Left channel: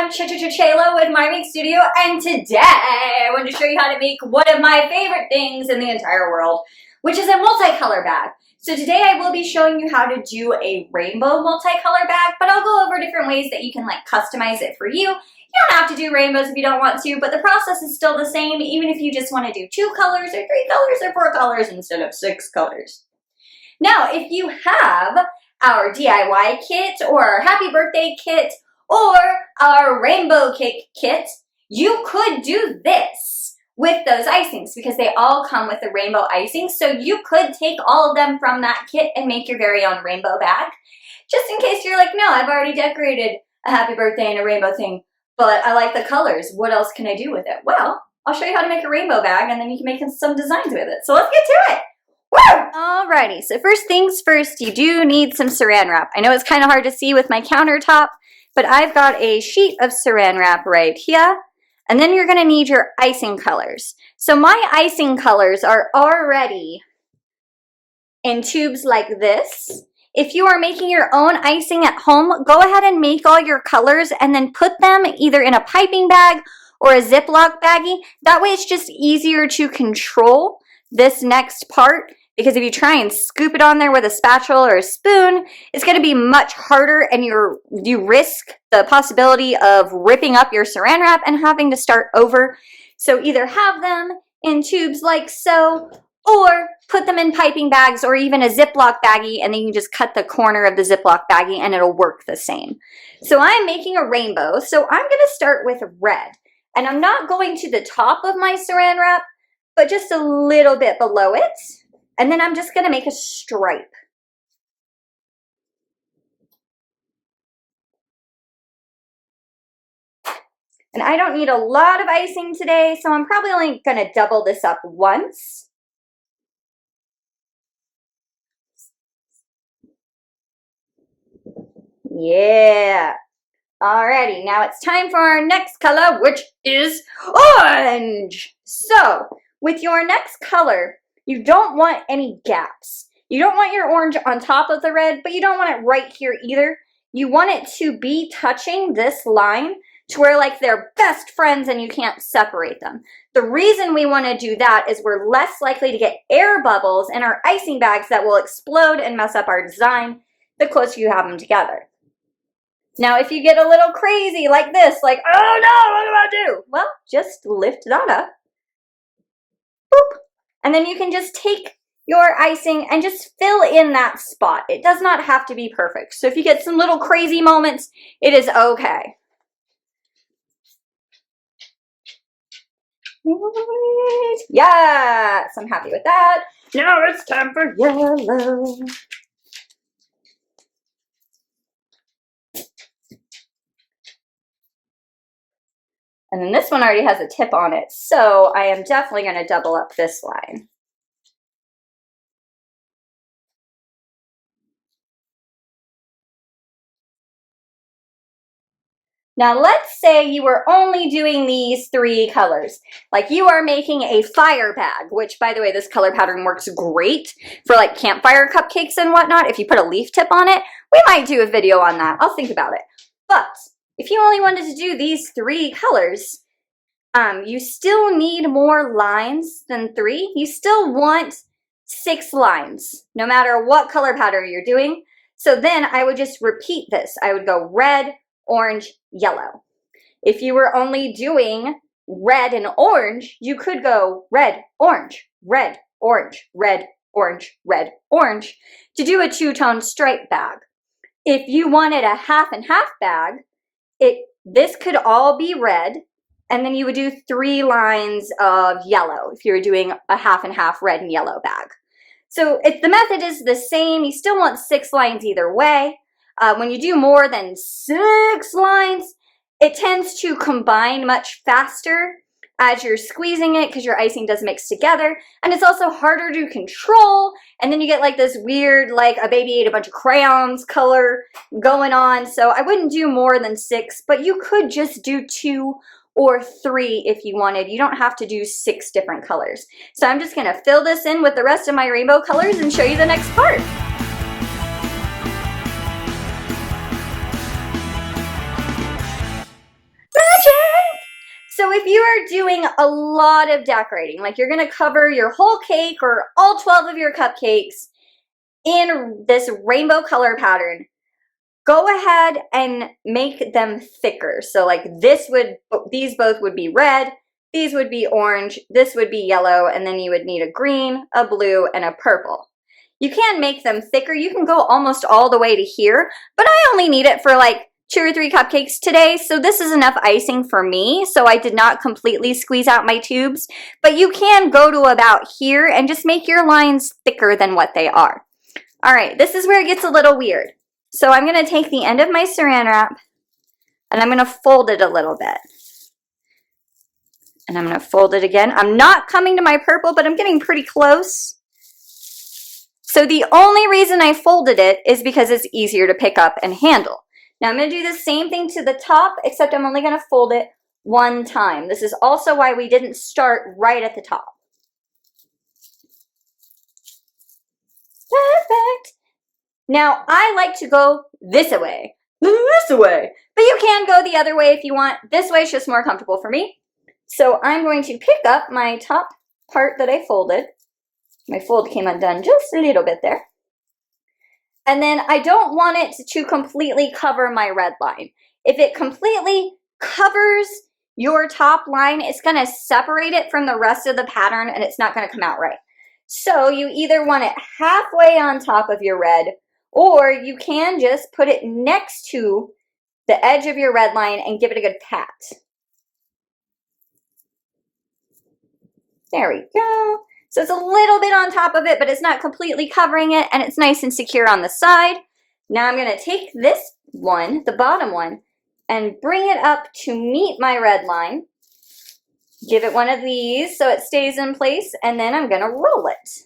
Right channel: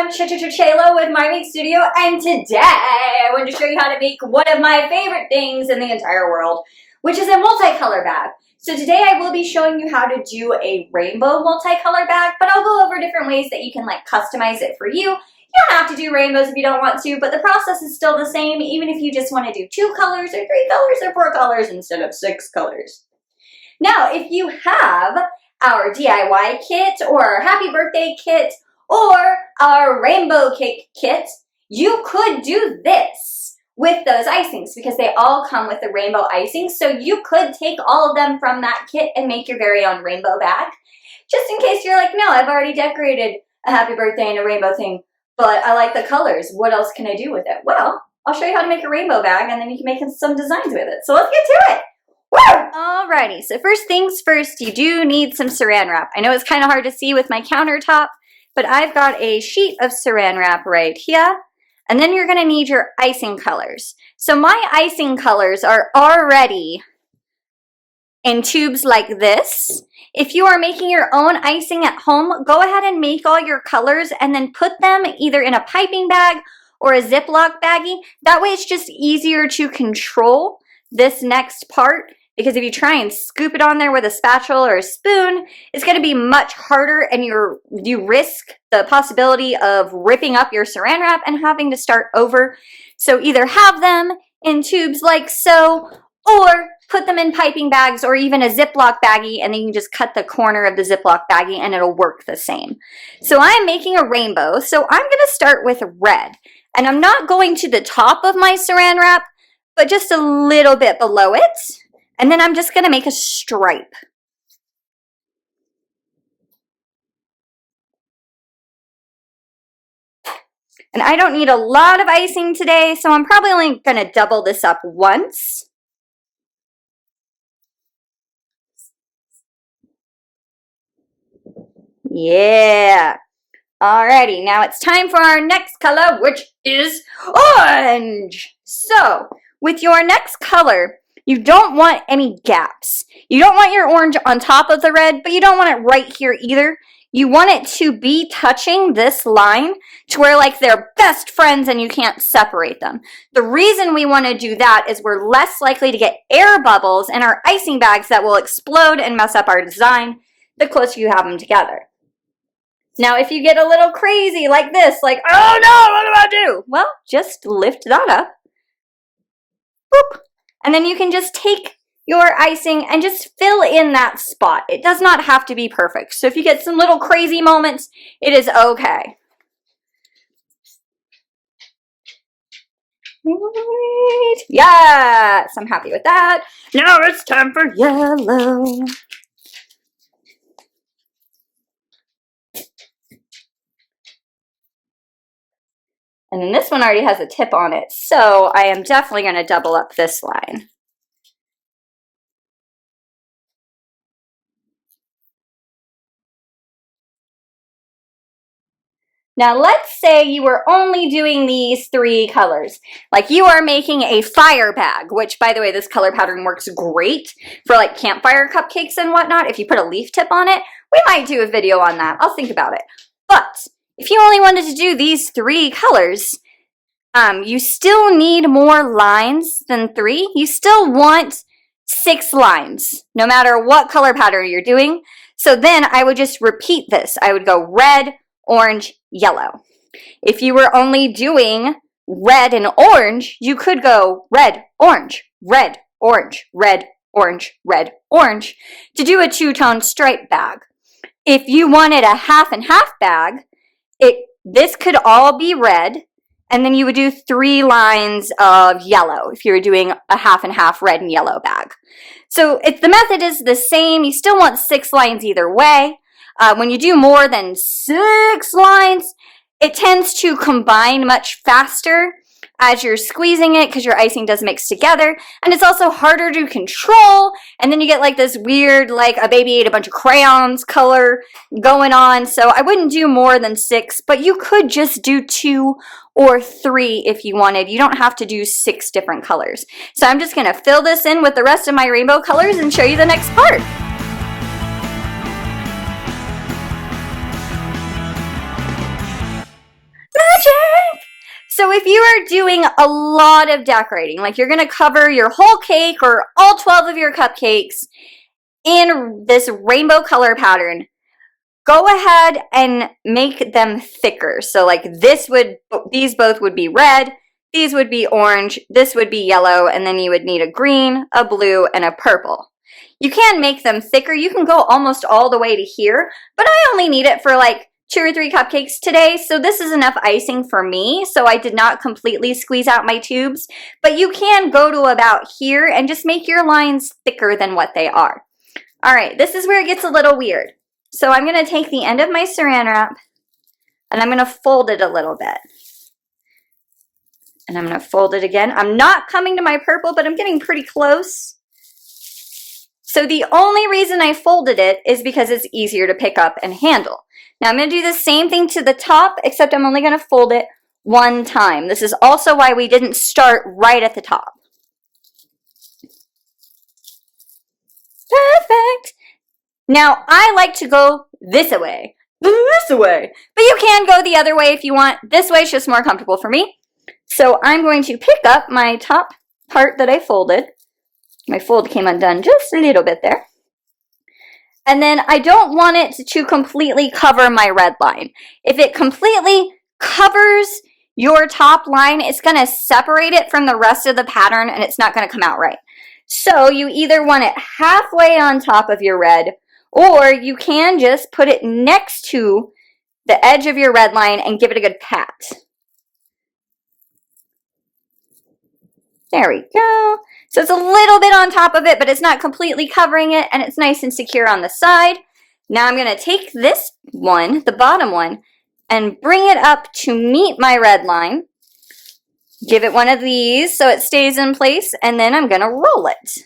I'm Chef Ch-Ch-Chayla with My Make Studio, and today I want to show you how to make one of my favorite things in the entire world, which is a multicolor bag. So today I will be showing you how to do a rainbow multicolor bag, but I'll go over different ways that you can customize it for you. You don't have to do rainbows if you don't want to, but the process is still the same, even if you just want to do 2 colors or 3 colors or 4 colors instead of 6 colors. Now, if you have our DIY kit or our happy birthday kit or our rainbow cake kit, you could do this with those icings because they all come with the rainbow icing. So you could take all of them from that kit and make your very own rainbow bag. Just in case you're like, no, I've already decorated a happy birthday and a rainbow thing, but I like the colors. What else can I do with it? Well, I'll show you how to make a rainbow bag and then you can make some designs with it. So let's get to it. Woo! Alrighty, so first things first, you do need some saran wrap. I know it's kind of hard to see with my countertop, but I've got a sheet of saran wrap right here. And then you're gonna need your icing colors. So my icing colors are already in tubes like this. If you are making your own icing at home, go ahead and make all your colors and then put them either in a piping bag or a Ziploc baggie. That way it's just easier to control this next part, because if you try and scoop it on there with a spatula or a spoon, it's going to be much harder and you risk the possibility of ripping up your saran wrap and having to start over. So either have them in tubes like so, or put them in piping bags or even a Ziploc baggie, and then you can just cut the corner of the Ziploc baggie and it'll work the same. So I'm making a rainbow, so I'm going to start with red. And I'm not going to the top of my saran wrap, but just a little bit below it. And then I'm just going to make a stripe. And I don't need a lot of icing today, so I'm probably only going to double this up once. Yeah. Alrighty, now it's time for our next color, which is orange. So, with your next color, you don't want any gaps. You don't want your orange on top of the red, but you don't want it right here either. You want it to be touching this line to where they're best friends and you can't separate them. The reason we want to do that is we're less likely to get air bubbles in our icing bags that will explode and mess up our design the closer you have them together. Now, if you get a little crazy like this, oh no, what do I do? Well, just lift that up. Boop. And then you can just take your icing and just fill in that spot. It does not have to be perfect. So if you get some little crazy moments, it is okay. Yes, I'm happy with that. Now it's time for yellow. And then this one already has a tip on it, so I am definitely going to double up this line. Now let's say you were only doing these 3 colors. Like you are making a fire bag, which by the way, this color pattern works great for campfire cupcakes and whatnot. If you put a leaf tip on it, we might do a video on that. I'll think about it. But if you only wanted to do these 3 colors, you still need more lines than 3. You still want 6 lines, no matter what color pattern you're doing. So then I would just repeat this. I would go red, orange, yellow. If you were only doing red and orange, you could go red, orange, red, orange, red, orange, red, orange to do a 2-tone stripe bag. If you wanted a half and half bag, this could all be red, and then you would do 3 lines of yellow if you were doing a half and half red and yellow bag. So if the method is the same, you still want 6 lines either way. When you do more than 6 lines, it tends to combine much faster as you're squeezing it because your icing does mix together, and it's also harder to control, and then you get this weird a baby ate a bunch of crayons color going on. So I wouldn't do more than 6, but you could just do 2 or 3 if you wanted. You don't have to do 6 different colors. So I'm just going to fill this in with the rest of my rainbow colors and show you the next part. you are doing a lot of decorating, like you're going to cover your whole cake or all 12 of your cupcakes in this rainbow color pattern, go ahead and make them thicker. So like these both would be red, these would be orange, this would be yellow, and then you would need a green, a blue, and a purple. You can make them thicker. You can go almost all the way to here, but I only need it for like 2 or 3 cupcakes today, so this is enough icing for me, so I did not completely squeeze out my tubes, but you can go to about here and just make your lines thicker than what they are. All right, this is where it gets a little weird. So I'm going to take the end of my saran wrap, and I'm going to fold it a little bit. And I'm going to fold it again. I'm not coming to my purple, but I'm getting pretty close. So the only reason I folded it is because it's easier to pick up and handle. Now I'm going to do the same thing to the top, except I'm only going to fold it 1 time. This is also why we didn't start right at the top. Perfect. Now I like to go this way, but you can go the other way if you want. This way is just more comfortable for me. So I'm going to pick up my top part that I folded. My fold came undone just a little bit there. And then I don't want it to completely cover my red line. If it completely covers your top line, it's going to separate it from the rest of the pattern and it's not going to come out right. So you either want it halfway on top of your red, or you can just put it next to the edge of your red line and give it a good pat. There we go. So it's a little bit on top of it, but it's not completely covering it, and it's nice and secure on the side. Now I'm going to take this one, the bottom one, and bring it up to meet my red line. Give it one of these so it stays in place, and then I'm going to roll it.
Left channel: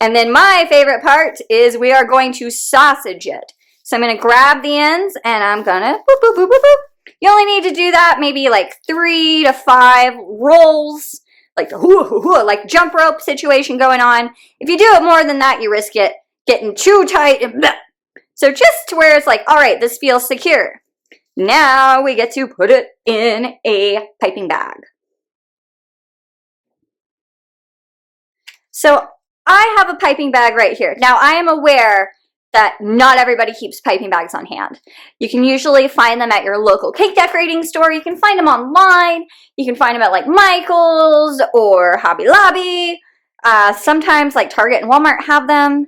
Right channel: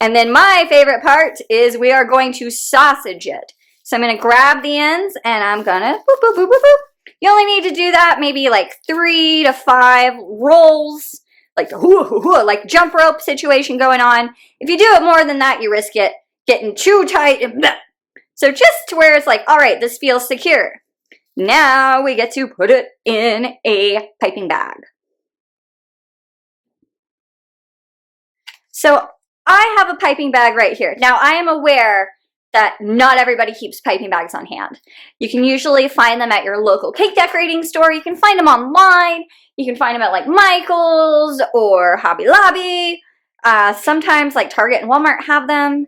And then my favorite part is we are going to sausage it. So I'm going to grab the ends, and I'm going to boop, boop, boop, boop, boop. You only need to do that maybe like 3 to 5 rolls, like the like jump rope situation going on. If you do it more than that, you risk it getting too tight. So just to where it's like, all right, this feels secure. Now we get to put it in a piping bag. So I have a piping bag right here. Now I am aware that not everybody keeps piping bags on hand. You can usually find them at your local cake decorating store. You can find them online. You can find them at like Michael's or Hobby Lobby. Sometimes like Target and Walmart have them.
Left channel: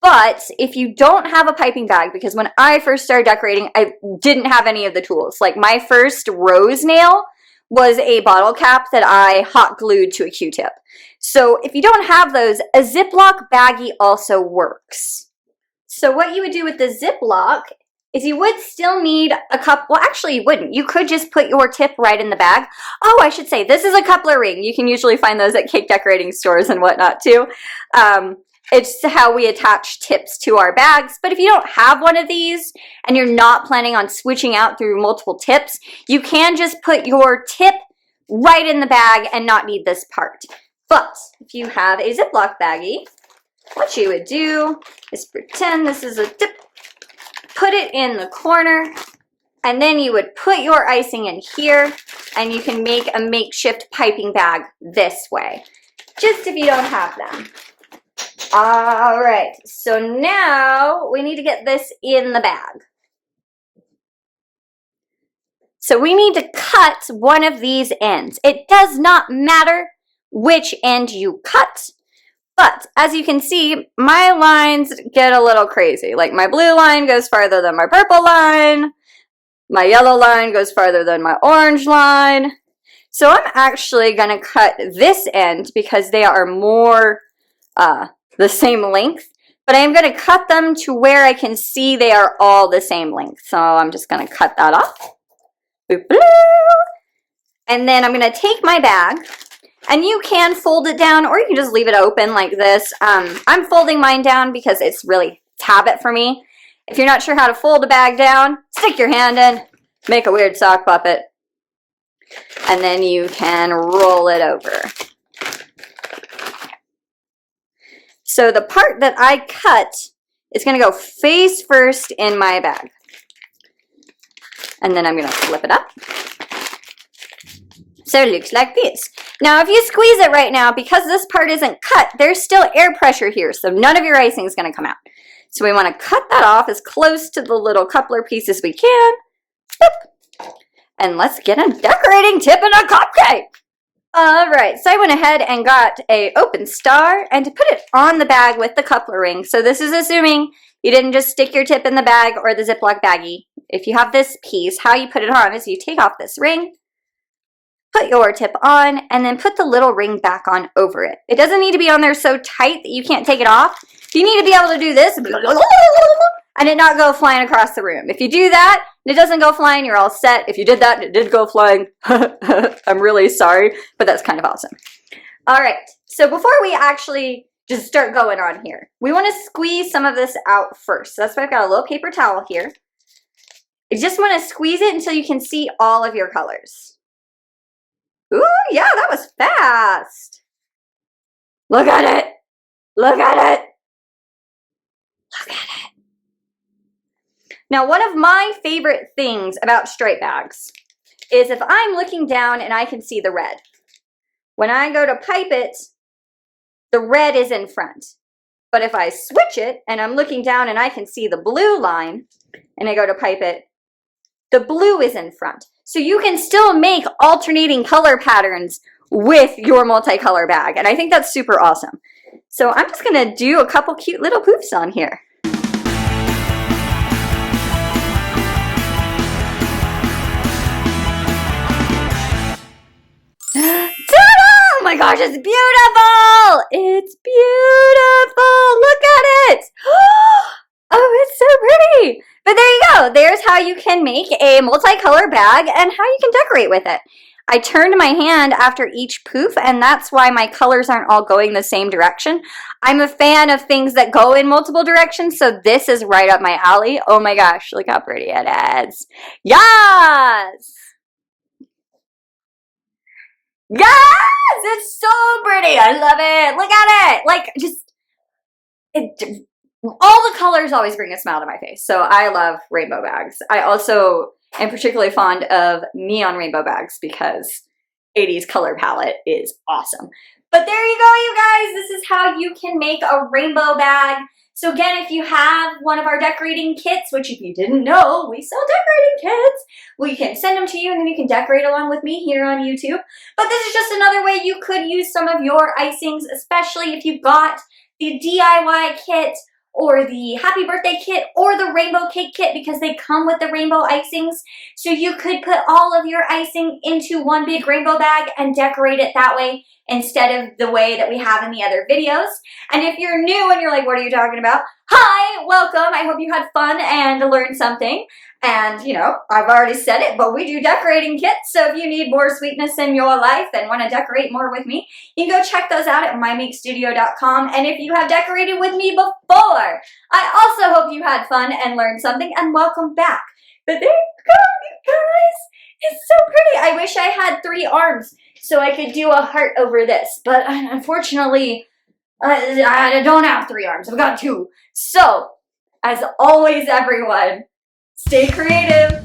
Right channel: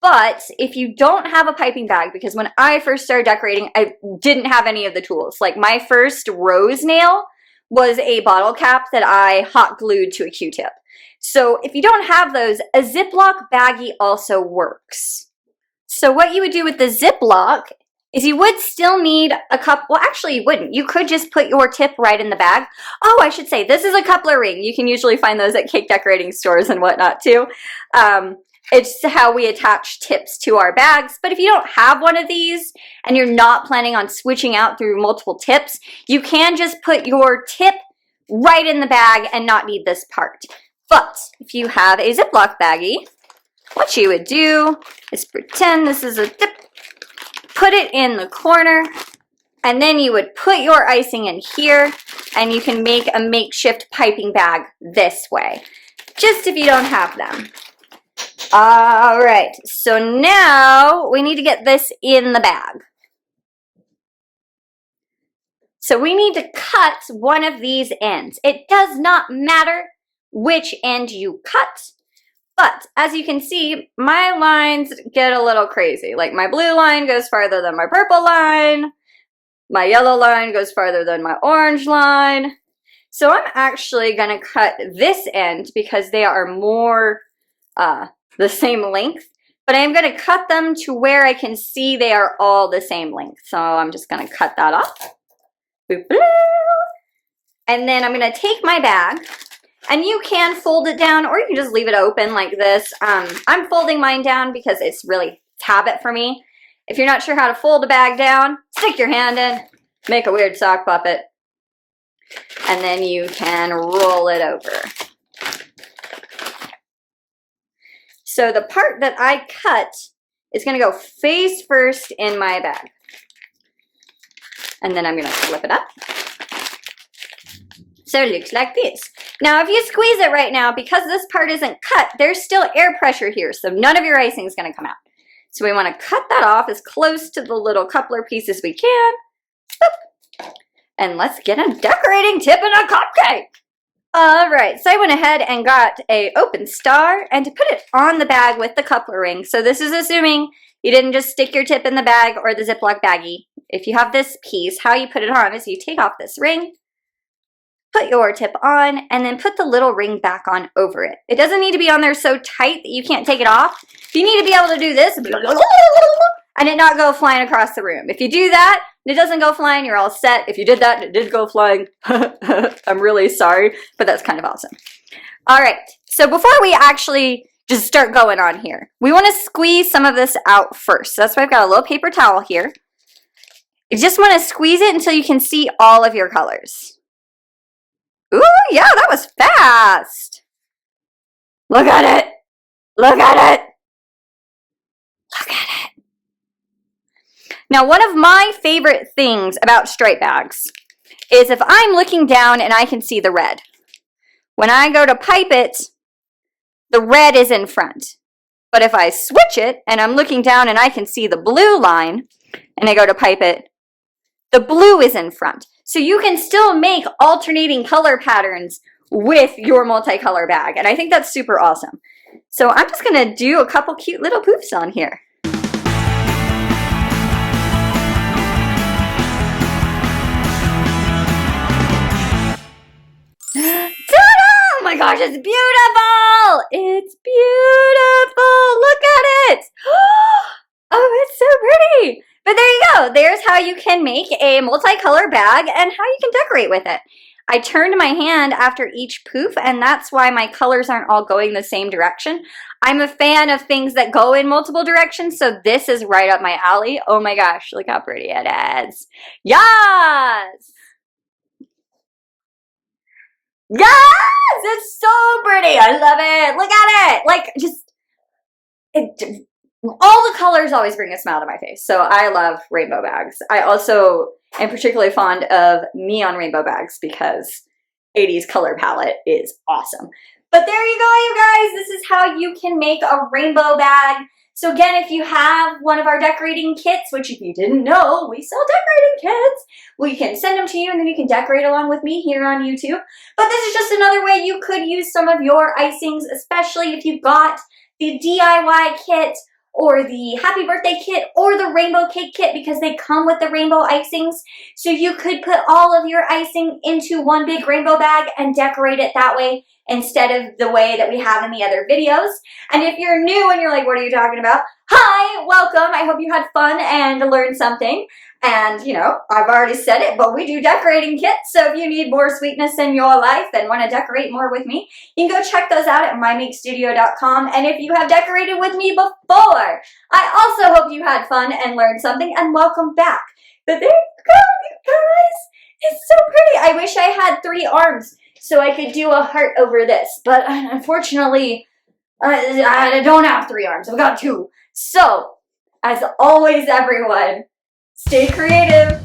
But if you don't have a piping bag, because when I first started decorating, I didn't have any of the tools. Like my first rose nail was a bottle cap that I hot glued to a Q-tip. So if you don't have those, a Ziploc baggie also works. So what you would do with the Ziploc is you would still need a cup. Well, actually you wouldn't. You could just put your tip right in the bag. Oh, I should say, this is a coupler ring. You can usually find those at cake decorating stores and whatnot too. It's how we attach tips to our bags. But if you don't have one of these and you're not planning on switching out through multiple tips, you can just put your tip right in the bag and not need this part. But if you have a Ziploc baggie, what you would do is pretend this is a tip, put it in the corner, and then you would put your icing in here, and you can make a makeshift piping bag this way, just if you don't have them. All right, so now we need to get this in the bag. So we need to cut one of these ends. It does not matter which end you cut. But as you can see, my lines get a little crazy. Like my blue line goes farther than my purple line. My yellow line goes farther than my orange line. So I'm actually going to cut this end because they are more the same length. But I'm going to cut them to where I can see they are all the same length. So I'm just going to cut that off. Boop, boop. And then I'm going to take my bag. And you can fold it down, or you can just leave it open like this. I'm folding mine down because it's habit for me. If you're not sure how to fold a bag down, stick your hand in, make a weird sock puppet, and then you can roll it over. So the part that I cut is going to go face first in my bag. And then I'm going to flip it up. So it looks like this. Now, if you squeeze it right now, because this part isn't cut, there's still air pressure here, so none of your icing is going to come out. So we want to cut that off as close to the little coupler piece as we can. And let's get a decorating tip and a cupcake. All right, so I went ahead and got a open star and to put it on the bag with the coupler ring. So this is assuming you didn't just stick your tip in the bag or the Ziploc baggie. If you have this piece, how you put it on is you take off this ring, put your tip on, and then put the little ring back on over it. It doesn't need to be on there so tight that you can't take it off. You need to be able to do this and it not go flying across the room. If you do that, and it doesn't go flying, you're all set. If you did that and it did go flying, I'm really sorry, but that's kind of awesome. All right, so before we actually just start going on here, we want to squeeze some of this out first. So that's why I've got a little paper towel here. You just want to squeeze it until you can see all of your colors. Ooh, yeah, that was fast. Look at it. Look at it. Look at it. Now, one of my favorite things about stripe bags is if I'm looking down and I can see the red. When I go to pipe it, the red is in front. But if I switch it and I'm looking down and I can see the blue line and I go to pipe it, the blue is in front. So you can still make alternating color patterns with your multicolor bag. And I think that's super awesome. So I'm just going to do a couple cute little poofs on here. Ta-da! Oh my gosh, it's beautiful! It's beautiful! Look at it! Oh, it's so pretty! But there you go. There's how you can make a multicolor bag and how you can decorate with it. I turned my hand after each poof, and that's why my colors aren't all going the same direction. I'm a fan of things that go in multiple directions, so this is right up my alley. Oh my gosh, look how pretty it is. Yes! Yes! It's so pretty. I love it. Look at it. Like, just, all the colors always bring a smile to my face. So I love rainbow bags. I also am particularly fond of neon rainbow bags because 80s color palette is awesome. But there you go, you guys. This is how you can make a rainbow bag. So again, if you have one of our decorating kits, which if you didn't know, we sell decorating kits, we can send them to you and then you can decorate along with me here on YouTube. But this is just another way you could use some of your icings, especially if you've got the DIY kit or the happy birthday kit or the rainbow cake kit because they come with the rainbow icings. So you could put all of your icing into one big rainbow bag and decorate it that way instead of the way that we have in the other videos. And if you're new and you're like, what are you talking about? Hi, welcome. I hope you had fun and learned something. And, you know, I've already said it, but we do decorating kits. So if you need more sweetness in your life and want to decorate more with me, you can go check those out at mymakestudio.com. And if you have decorated with me before, I also hope you had fun and learned something, and welcome back. But there you go, you guys. It's so pretty. I wish I had 3 arms so I could do a heart over this. But unfortunately, I don't have 3 arms. I've got 2. So, as always, everyone, stay creative.